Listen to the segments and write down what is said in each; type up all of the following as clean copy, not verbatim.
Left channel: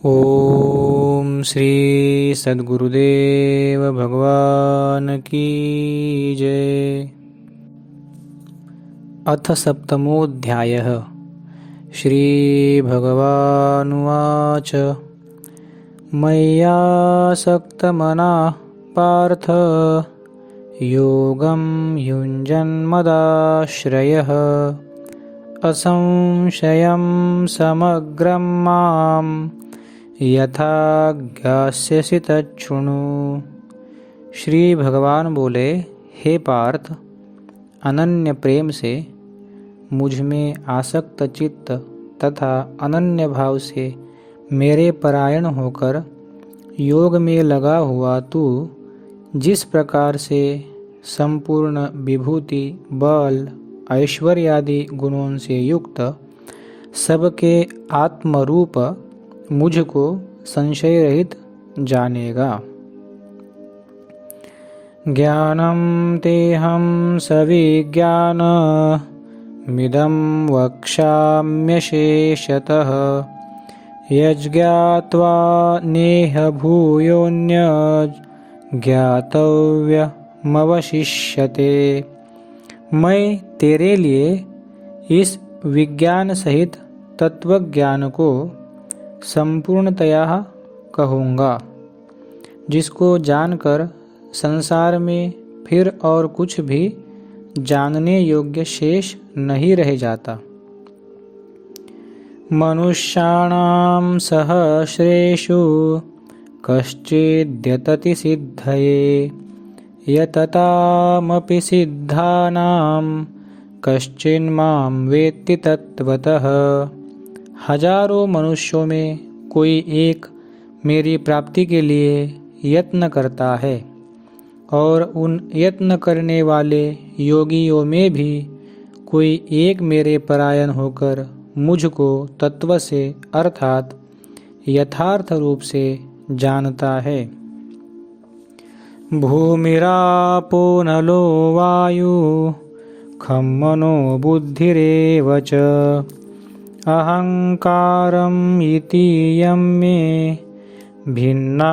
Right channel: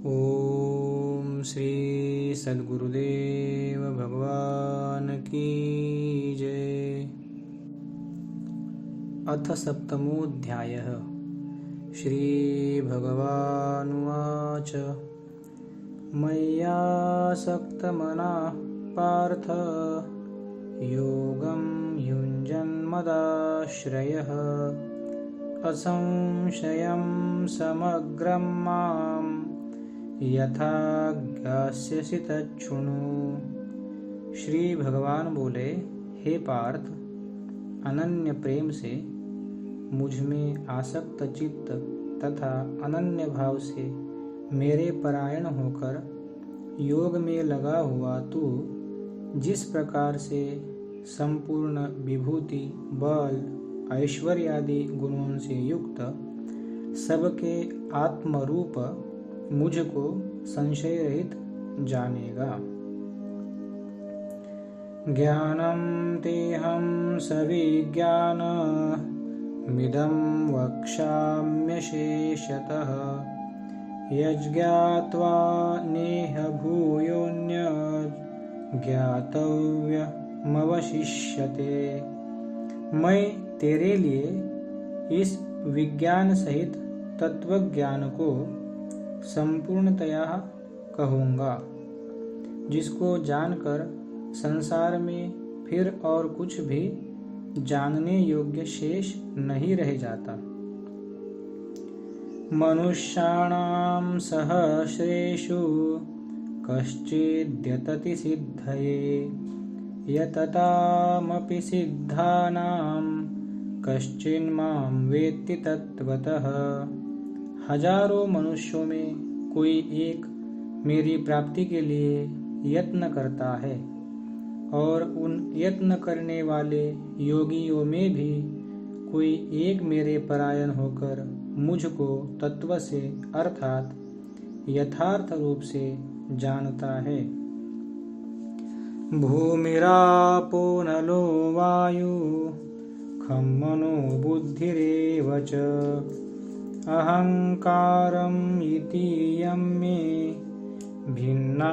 ओम श्री सद्गुरुदेव भगवान की जय। अथ सप्तमोऽध्यायः। श्री भगवानुवाच मय्यासक्तमनः पार्थ योगं युञ्जन्मदाश्रयः असंशयं समग्रं माम् यथा ज्ञास्यसि तच्छृणु। श्री भगवान बोले, हे पार्थ, अनन्य प्रेम से मुझ में आसक्त चित्त तथा अनन्य भाव से मेरे परायण होकर योग में लगा हुआ तू जिस प्रकार से संपूर्ण विभूति, बल, ऐश्वर्यादि गुणों से युक्त सबके आत्मरूप मुझको संशय रहित जानेगा। ज्ञानं तेहं सविज्ञानमिदं वक्ष्याम्यशेषतः यज्ज्ञात्वा नेह भूयोऽन्यज्ञातव्यमवशिष्यते। मैं तेरे लिए इस विज्ञान सहित तत्वज्ञान को संपूर्णतया कहूँगा, जिसको जानकर संसार में फिर और कुछ भी जानने योग्य शेष नहीं रह जाता। मनुष्याणां सहस्रेषु कश्चिद्यतति सिद्धये यततामपि सिद्धानां कश्चिन्मां वेत्ति तत्त्वतः। हजारों मनुष्यों में कोई एक मेरी प्राप्ति के लिए यत्न करता है और उन यत्न करने वाले योगियों में भी कोई एक मेरे परायण होकर मुझको तत्व से अर्थात यथार्थ रूप से जानता है। भूमिरापो नलो वायु खं मनो बुद्धिरेव च अहंकारम् इतीयं मे भिन्ना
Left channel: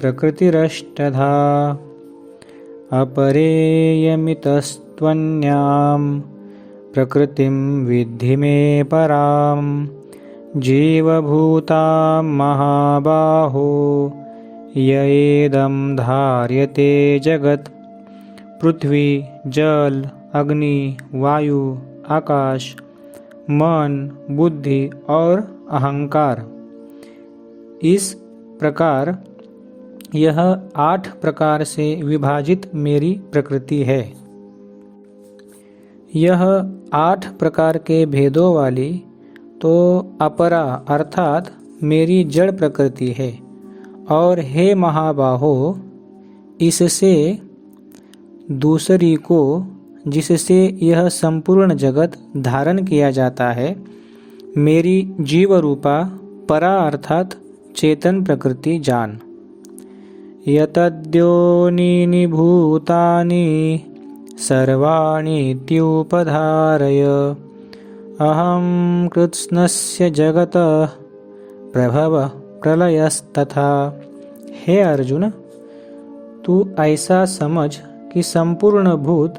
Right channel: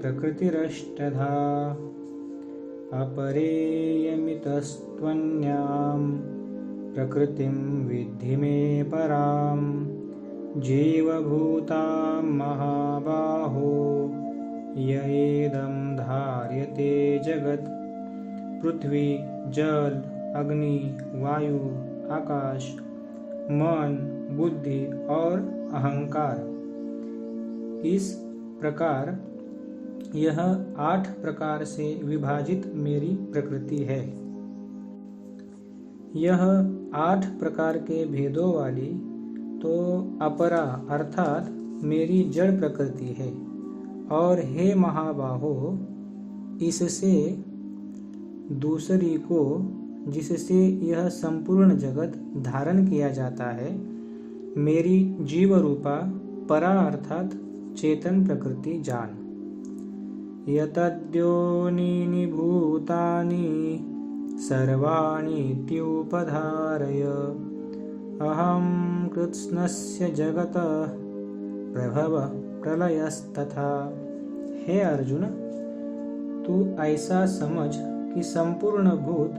प्रकृतिरष्टधा अपरेयमितस्त्वन्यां प्रकृतिं विद्धि मे परां जीवभूतां महाबाहो येदं धार्यते जगत्। पृथ्वी, जल, अग्नि, वायु, आकाश, मन, बुद्धि और अहंकार, इस प्रकार यह 8 प्रकार से विभाजित मेरी प्रकृति है। यह 8 प्रकार के भेदों वाली तो अपरा अर्थात मेरी जड़ प्रकृति है। और हे महाबाहो, इससे दूसरी को, जिससे यह संपूर्ण जगत धारण किया जाता है, मेरी जीव रूपा परा अर्थात चेतन प्रकृति जान। यतद्योनीनि भूतानि सर्वाणीत्युपधारय अहं कृत्स्नस्य जगतः प्रभवः प्रलयस्तथा। हे अर्जुन, तू ऐसा समझ कि संपूर्ण भूत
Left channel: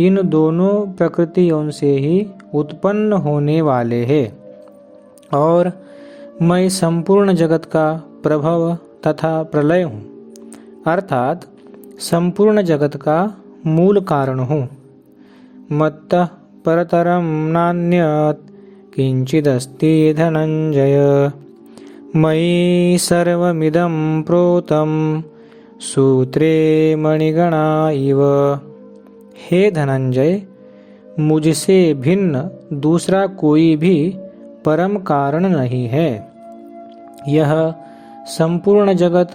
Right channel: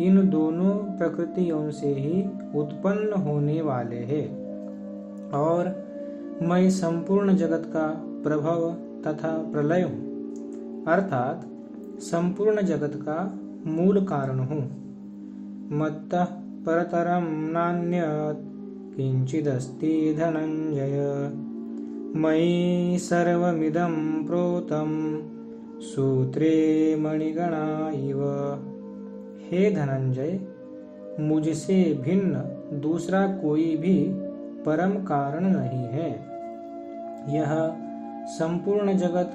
इन दोनों प्रकृतियों से ही उत्पन्न होने वाले हैं और मैं संपूर्ण जगत का प्रभव तथा प्रलय हूँ, अर्थात संपूर्ण जगत का मूल कारण हूँ। मत्तः परतरं नान्यत् किंचिदस्ति धनंजय मयि सर्वमिदं प्रोतं सूत्रे मणिगणा इव। हे धनंजय, मुझसे भिन्न दूसरा कोई भी परम कारण नहीं है। यह संपूर्ण जगत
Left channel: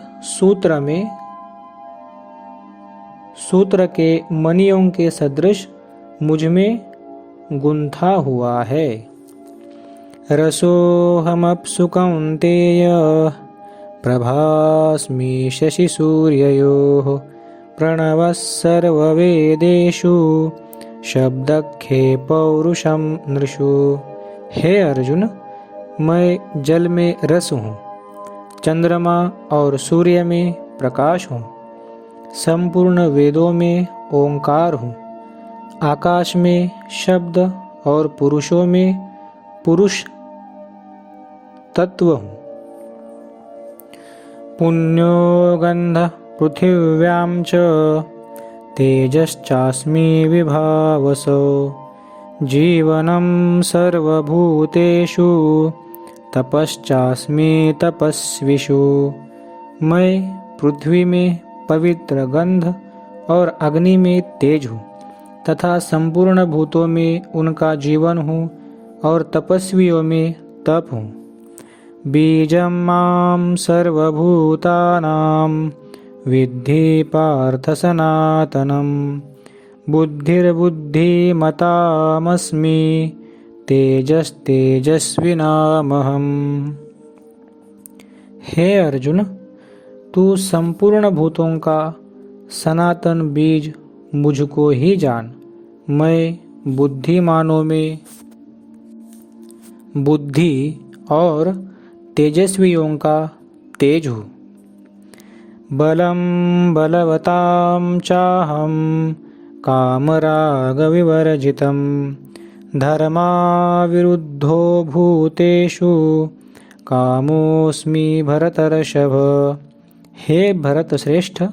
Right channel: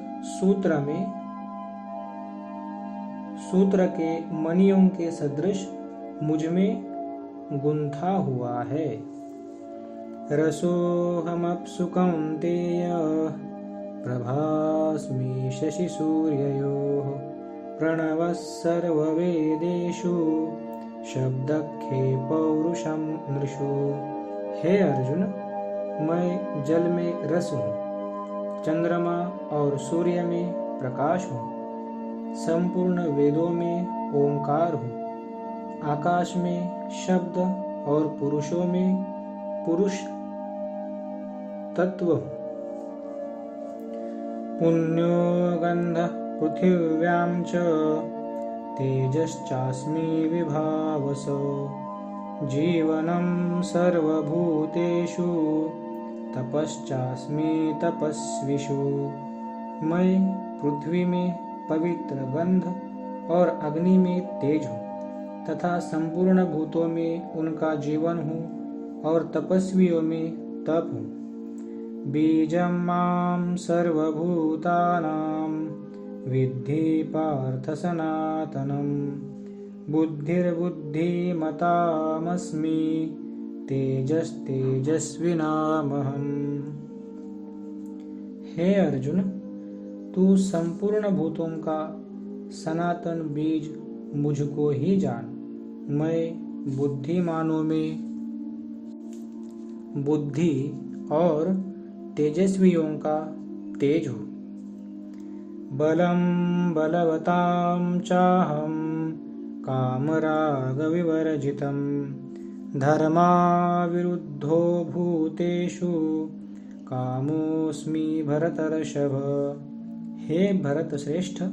सूत्र के मणियों के सदृश मुझ में गुंथा हुआ है। रसोऽहमप्सु कौन्तेय प्रभास्मि शशिसूर्ययोः प्रणवः सर्ववेदेषु शब्दखे पौरुषं नृषु। हे अर्जुन, मैं जल में रस हूँ चंद्रमा और सूर्य में प्रकाश हूँ, संपूर्ण वेदों में ओंकार हूँ, आकाश में शब्द और पुरुषों में पुरुष तत्व हूँ। पुण्यो गंध पृथिव्यां च तेजश्चास्मि विभावसो जीवनं सर्वभूतेषु तपश्चास्मि तपस्विषु। मैं पृथ्वी में पवित्र गंध और अग्नि में तेज हूँ तथा संपूर्ण भूतों में उनका जीवन हूँ और तपस्वियों में तप हूँ। बीजं मां सर्वभूतानां विद्धि पार्थ सनातनं बुद्धिर्बुद्धिमतामस्मि तेजस्तेजस्विनामहम्। हे अर्जुन, तू संपूर्ण भूतों का सनातन बीज मुझको ही जान। मैं बुद्धिमानों में बुद्धि और तेजस्वियों का तेज हूँ। बलं बलवतां चाहं कामरागविवर्जितं धर्माविरुद्धो भूतेषु कामोऽस्मि भरतर्षभ। हे भरत श्रेष्ठ,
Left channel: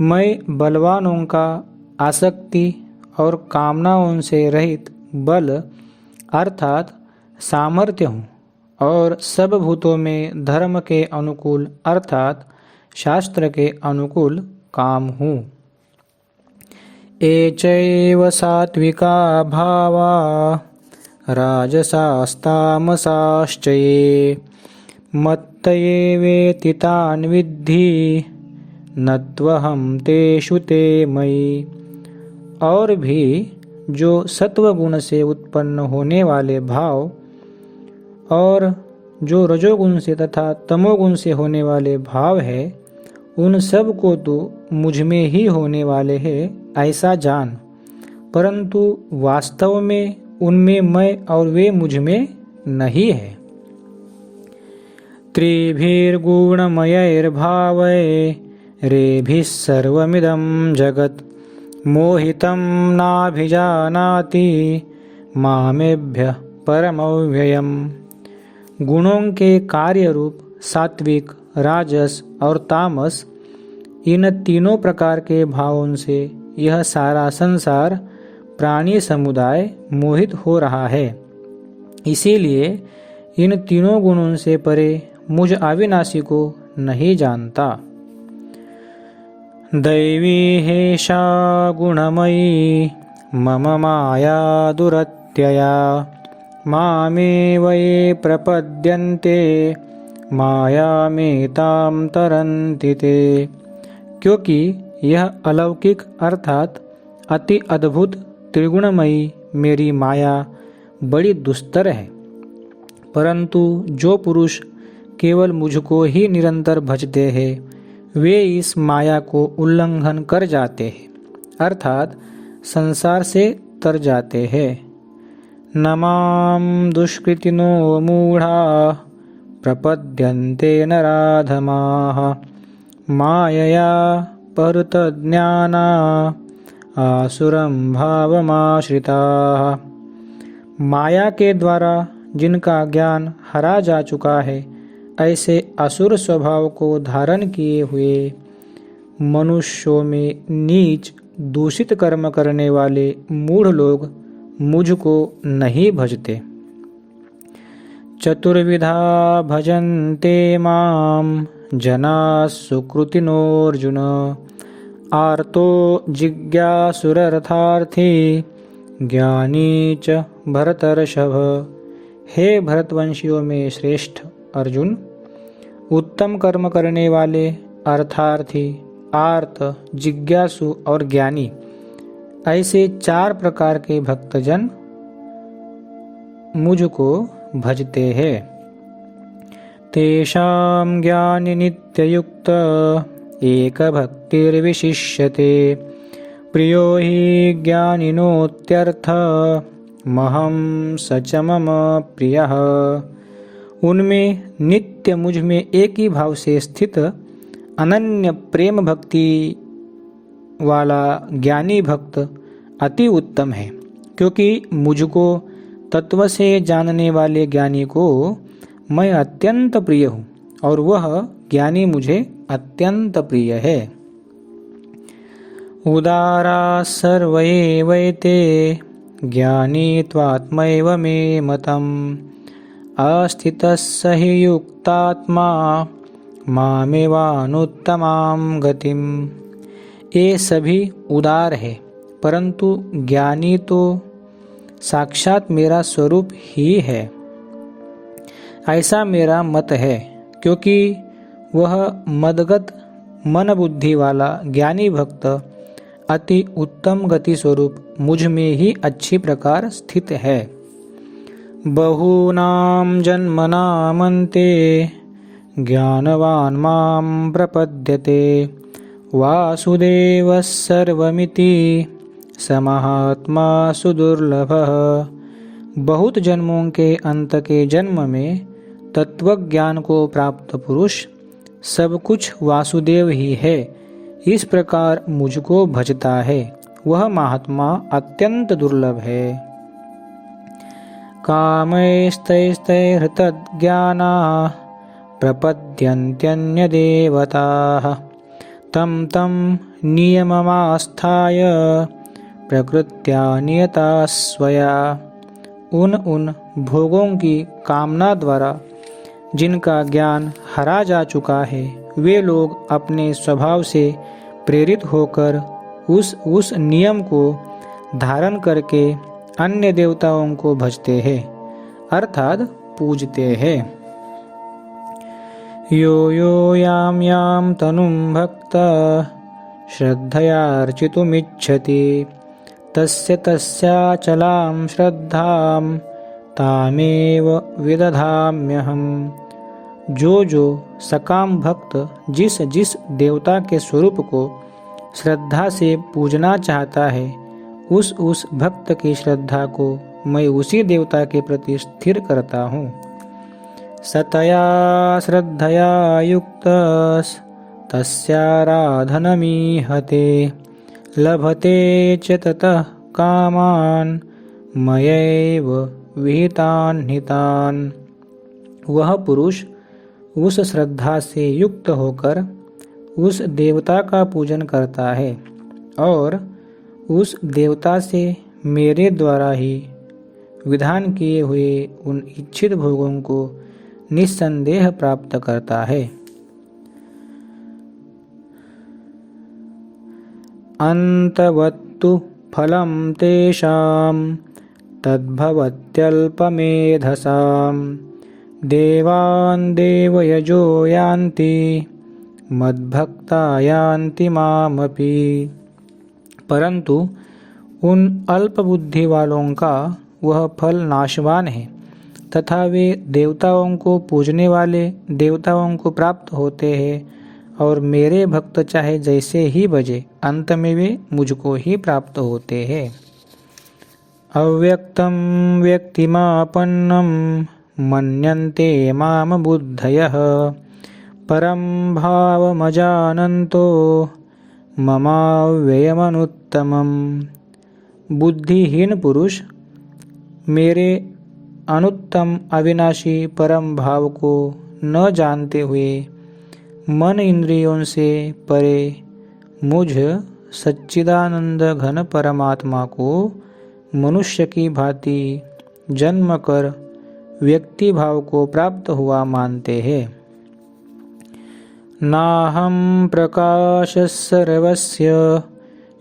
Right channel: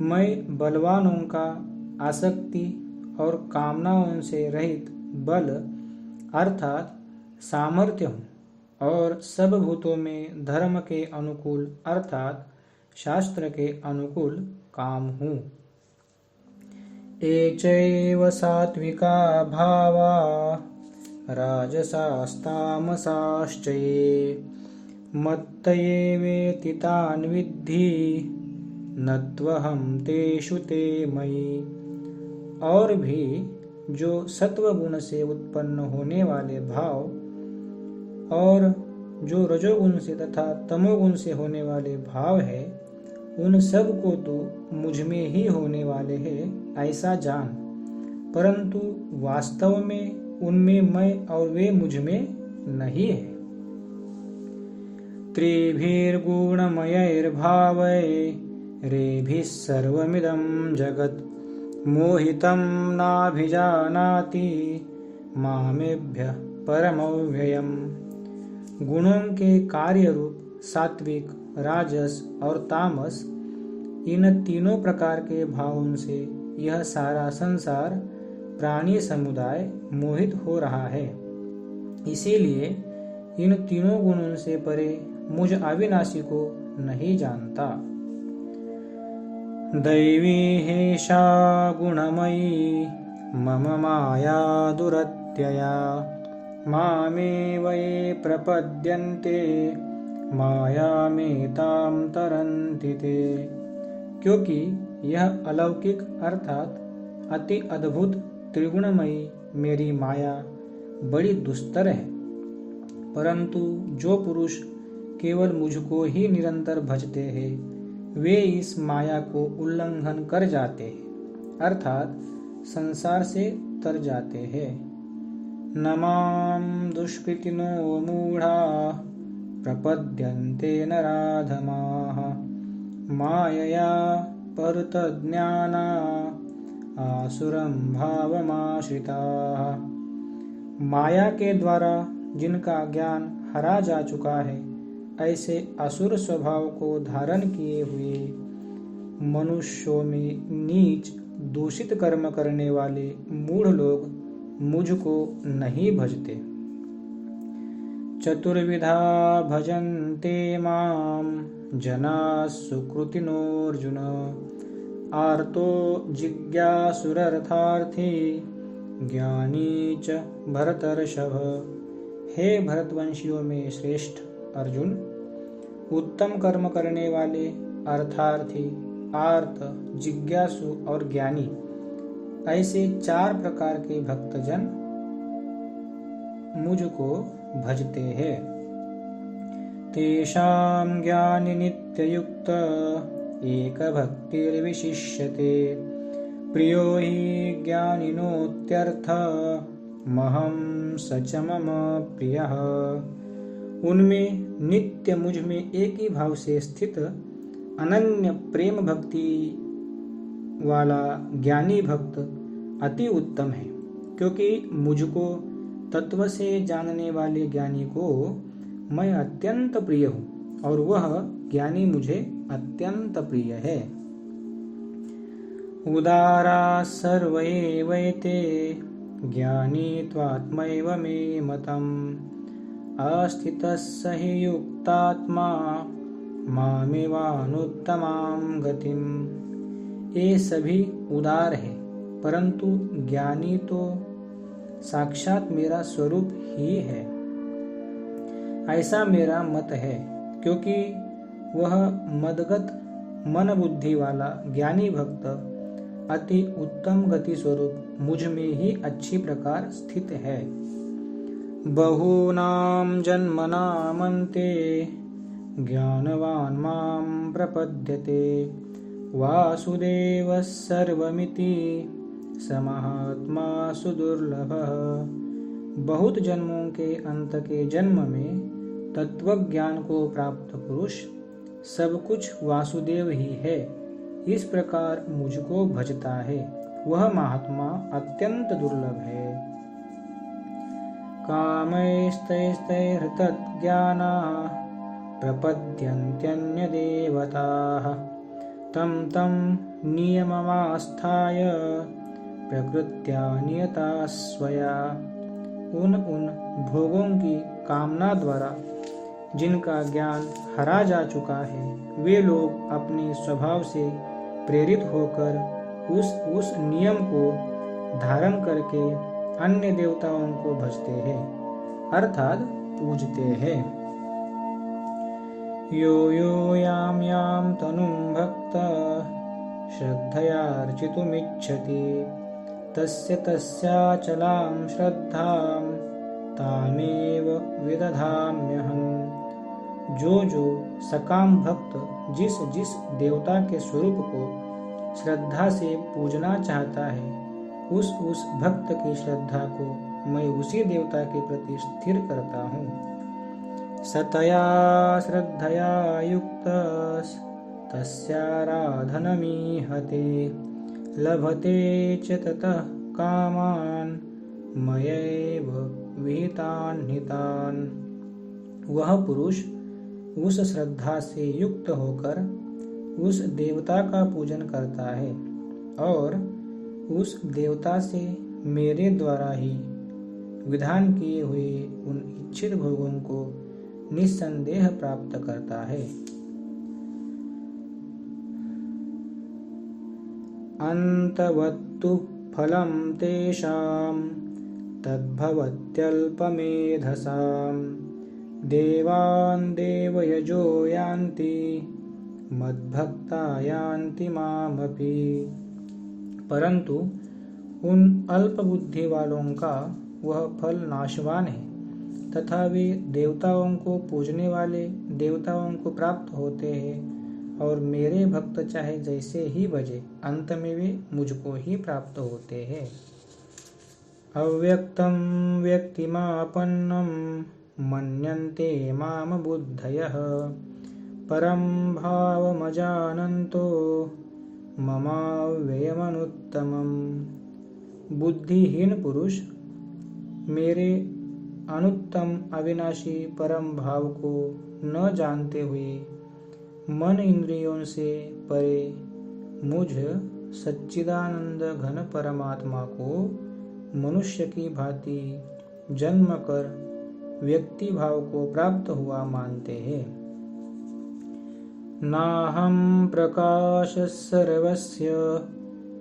मैं बलवानों का आसक्ति और कामनाओं से रहित बल अर्थात सामर्थ्य हूँ और सब भूतों में धर्म के अनुकूल अर्थात शास्त्र के अनुकूल काम हूँ। एचैव सात्विका भावा राजसास्तामसाश्च ये मत्तये वेति तान् विद्धि न त्वहं तेषु ते मयि। और भी जो सत्व गुण से उत्पन्न होने वाले भाव और जो रजोगुण से तथा तमोगुण से होने वाले भाव है, उन सब को तो मुझ में ही होने वाले हैं ऐसा जान, परंतु वास्तव में उनमें मैं और वे मुझ में नहीं है। त्रिभिर्गुणमयैर्भावैरेभिः सर्वमिदं जगत् मोहितं नाभिजानाति मामेभ्यः परमव्ययम्। गुणों के कार्य रूप सात्विक, राजस और तामस, इन तीनों प्रकार के भावों से यह सारा संसार प्राणी समुदाय मोहित हो रहा है। इसीलिए इन तीनों गुणों से परे मुझ अविनाशी को नहीं जानता। दैवी हेषा गुणमयी मम माया दुरत्यया मामेव ये प्रपद्यन्ते मायामेतां तरन्ति ते। क्योंकि यह अलौकिक अर्थात अति अद्भुत त्रिगुणमयी मेरी माया बड़ी दुस्तर है, परंतु जो पुरुष केवल मुझको ही निरंतर भजते हैं वे इस माया को उल्लंघन कर जाते हैं अर्थात संसार से तर जाते हैं। न मां दुष्कृतिनो मूढ़ा प्रपद्यन्ते नराधमाः मायया परुतज्ञाना आसुरं भावमाश्रिताः। माया के द्वारा जिनका ज्ञान हरा जा चुका है, ऐसे असुर स्वभाव को धारण किए हुए मनुष्यों में नीच दूषित कर्म करने वाले मूढ़ लोग मुझको नहीं भजते। चतुर्विधा भजन्ते मां जनाः सुकृतिनोऽर्जुन आर्तो जिज्ञासुरर्थार्थी ज्ञानी च भरतर्षभ। हे भरतवंशियों में श्रेष्ठ अर्जुन, उत्तम कर्म करने वाले अर्थार्थी, आर्त, जिज्ञासु और ज्ञानी, ऐसे चार प्रकार के भक्तजन मुझको भजते हैं। तेषां ज्ञानि नित्ययुक्त एक भक्तिर्विशिष्यते प्रियो हि ज्ञानिनोत्यर्थ महं स च मम प्रियः। उनमें नित्य मुझ में एक ही भाव से स्थित अनन्य प्रेम भक्ति वाला ज्ञानी भक्त अति उत्तम है, क्योंकि मुझको तत्व से जानने वाले ज्ञानी को मैं अत्यंत प्रिय हूँ और वह ज्ञानी मुझे अत्यंत प्रिय है। उदारा सर्व एवैते ज्ञानी त्वात्मैव मे मतम् अस्थितः स हि युक्तात्मा मामेवानुत्तमां गतिम। ये सभी उदार है, परंतु ज्ञानी तो साक्षात मेरा स्वरूप ही है, ऐसा मेरा मत है, क्योंकि वह मदगत मन बुद्धि वाला ज्ञानी भक्त अति उत्तम गति स्वरूप मुझ में ही अच्छी प्रकार स्थित है। बहूनां जन्मनामन्ते ज्ञानवान् मां प्रपद्यते वासुदेवः सर्वमिति स महात्मा सुदुर्लभः। बहुत जन्मों के अंत के जन्म में तत्वज्ञान को प्राप्त पुरुष सब कुछ वासुदेव ही है, इस प्रकार मुझको भजता है, वह महात्मा अत्यंत दुर्लभ है। कामैस्तैस्तैर्हृतज्ञाना प्रपद्यन्त्यन्यदेवताः तं तं नियममास्थाय प्रकृत्या नियता स्वया। उन भोगों की कामना द्वारा जिनका ज्ञान हरा जा चुका है, वे लोग अपने स्वभाव से प्रेरित होकर उस नियम को धारण करके अन्य देवताओं को भजते हैं, अर्थात पूजते हैं। यो यो याम याम तनुं भक्तः श्रद्धयार्चितुमिच्छति तस्य तस्याचलां श्रद्धां तामेव विदधाम्यहम्। जो सकाम भक्त जिस जिस देवता के स्वरूप को श्रद्धा से पूजना चाहता है, उस भक्त की श्रद्धा को मैं उसी देवता के प्रति स्थिर करता हूँ। सतया श्रद्धया युक्तस् तस्याराधनमीहते लभते च ततः कामान् मयैव विहितान् हितान्। वह पुरुष उस श्रद्धा से युक्त होकर उस देवता का पूजन करता है और उस देवता से मेरे द्वारा ही विधान किए हुए उन इच्छित भोगों को निस्संदेह प्राप्त करता है। अंतवत्तु फलं तेषां तद्भवत्यल्पमेधसां देवान् देवयजो यान्ति मद्भक्ता यान्ति मामपि। परंतु उन अल्प बुद्धि वालों का वह फल नाशवान है तथा वे देवताओं को पूजने वाले देवताओं को प्राप्त होते हैं और मेरे भक्त चाहे जैसे ही भजे अंत में वे मुझको ही प्राप्त होते हैं। अव्यक्तं व्यक्तिमापन्नं मन्यन्ते माम बुद्धयः परं भावमजानन्तो ममाव्ययमनुत्तमम्। बुद्धिहीन पुरुष मेरे अनुत्तम अविनाशी परम भाव को न जानते हुए मन इंद्रियों से परे मुझ सच्चिदानंद घन परमात्मा को मनुष्य की भांति जन्म कर व्यक्ति भाव को प्राप्त हुआ मानते हैं। नाहं प्रकाशः सर्वस्य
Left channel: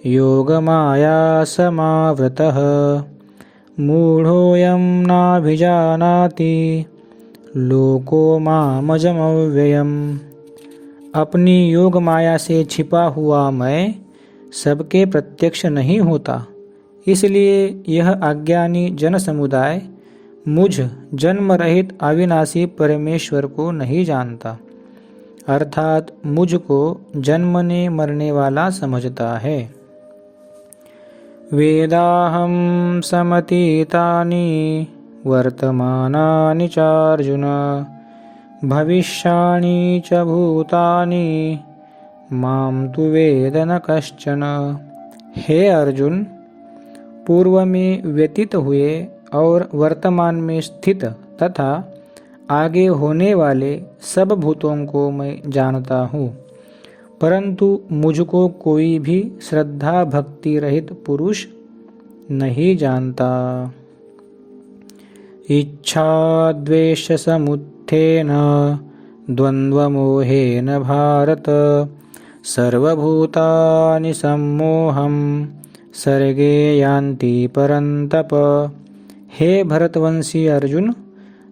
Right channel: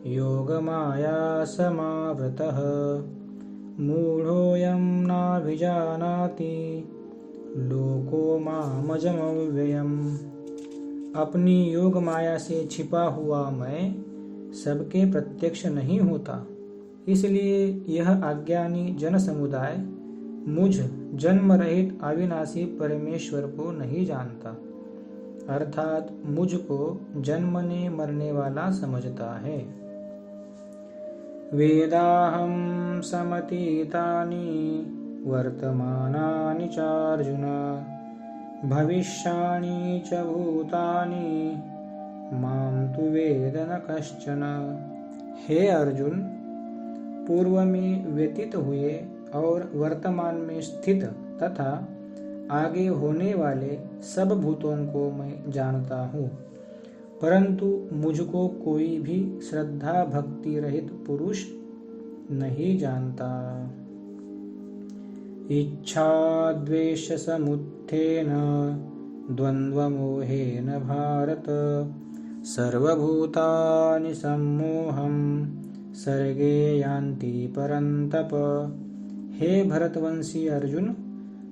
योगमाया समावृतः मूढ़ोऽयं नाभिजानाति लोको मामजमव्ययम्। अपनी योग माया से छिपा हुआ मैं सबके प्रत्यक्ष नहीं होता, इसलिए यह अज्ञानी जन समुदाय मुझ जन्म रहित अविनाशी परमेश्वर को नहीं जानता, अर्थात मुझको जन्मने मरने वाला समझता है। वेदाहं समतीतानि वर्तमानानि चार्जुन भविष्याणि च भूतानि मां तु वेद न कश्चन। हे अर्जुन, पूर्व में व्यतीत हुए और वर्तमान में स्थित तथा आगे होने वाले सब भूतों को मैं जानता हूँ, परंतु मुझको कोई भी श्रद्धा भक्ति रहित पुरुष नहीं जानता। इच्छा द्वेष समुत्थेन द्वन्द्वमोहेन भारत सर्वभूतानि सम्मोहं सर्गे यान्ति परन्तप। हे भरतवंशी अर्जुन,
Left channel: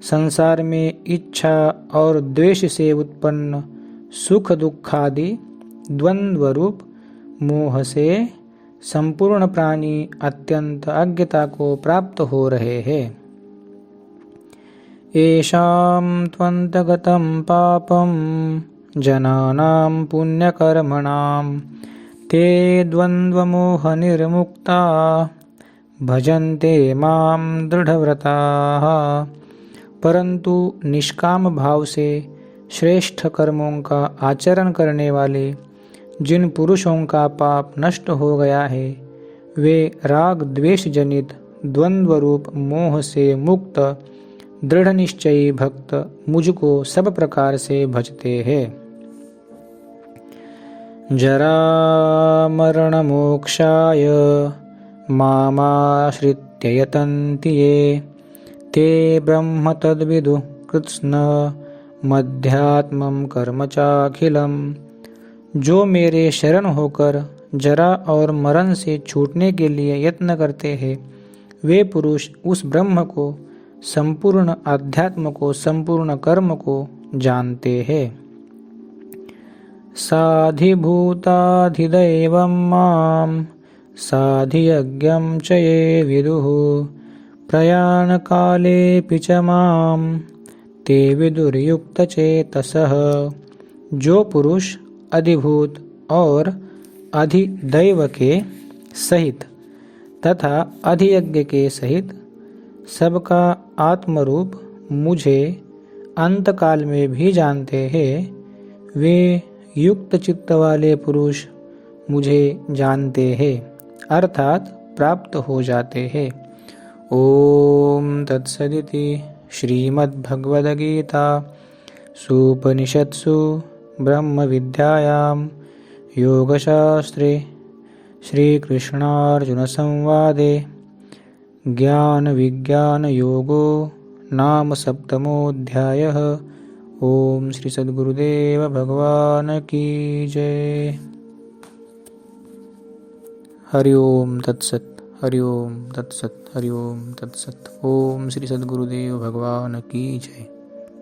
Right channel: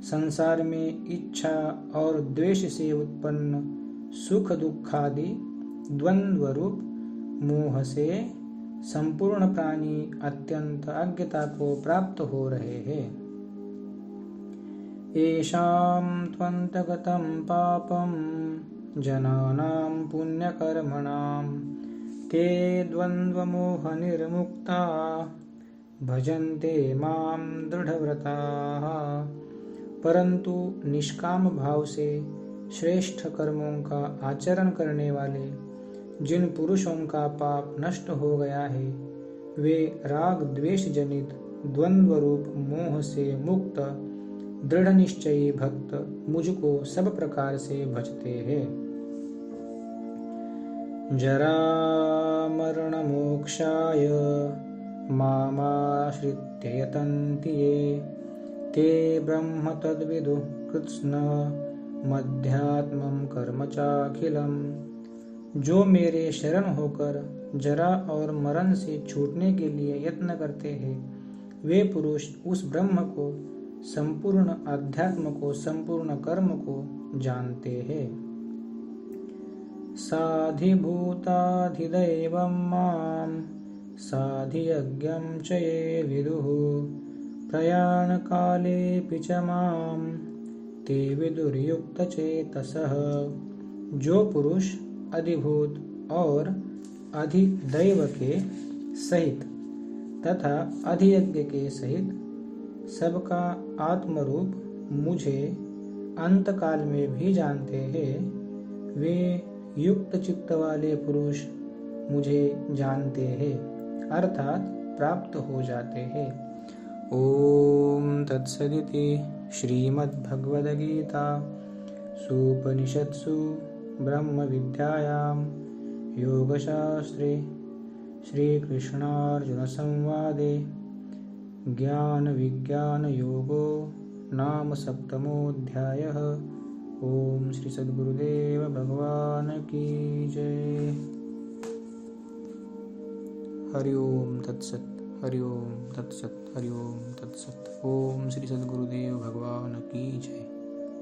संसार में इच्छा और द्वेष से उत्पन्न सुख दुखादि द्वंद्व रूप मोह से संपूर्ण प्राणी अत्यंत अज्ञता को प्राप्त हो रहे हैं। येषां त्वन्तगतं पापं जनानां पुण्यकर्मणां ते द्वन्द्वमोहनिर्मुक्ता भजन्ते मां दृढ़व्रताः। परंतु निष्काम भाव से श्रेष्ठ कर्मों का आचरण करने वाले जिन पुरुषों का पाप नष्ट हो गया है, वे राग द्वेष जनित द्वंद्व रूप मोह से मुक्त दृढ़ निश्चयी भक्त मुझको सब प्रकार से भजते हैं। जरा मरण मोक्षाय मामाश्रित्य यतन्ति ये ते ब्रह्म तद्विदुः कृत्स्न मध्यात्मं कर्म चाखिलम्। जो मेरे शरण होकर जरा और मरण से छूटने के लिए यत्न करते हैं, वे पुरुष उस ब्रह्म को, संपूर्ण अध्यात्म को, संपूर्ण कर्म को जानते हैं। साधिभूताधिदैवं मां साधियज्ञं च ये विदुः प्रयाणकालेऽपि च मां ते विदुर्युक्तचेतसः। जो पुरुष अधिभूत और अधिदैव के सहित तथा अधियज्ञ के सहित सबका आत्मरूप मुझे अंतकाल में भी जानते हैं, वे युक्त चित्त वाले पुरुष मुझे जानते हैं अर्थात प्राप्त हो जाते हैं। ओम तत्सदिति श्रीमद्भगवद्गीता सूपनिषत्सु ब्रह्म विद्यायां योगशास्त्रे श्रीकृष्णार्जुन संवादे ज्ञान विज्ञान योगो नाम सप्तमोऽध्यायः। ओम श्री सद्गुरुदेव भगवान की जय। हरि ओम तत्सत, हरि ओम तत्सत, हरि ओम तत्सत। ओम श्री सद्गुरुदेव भगवान की जय।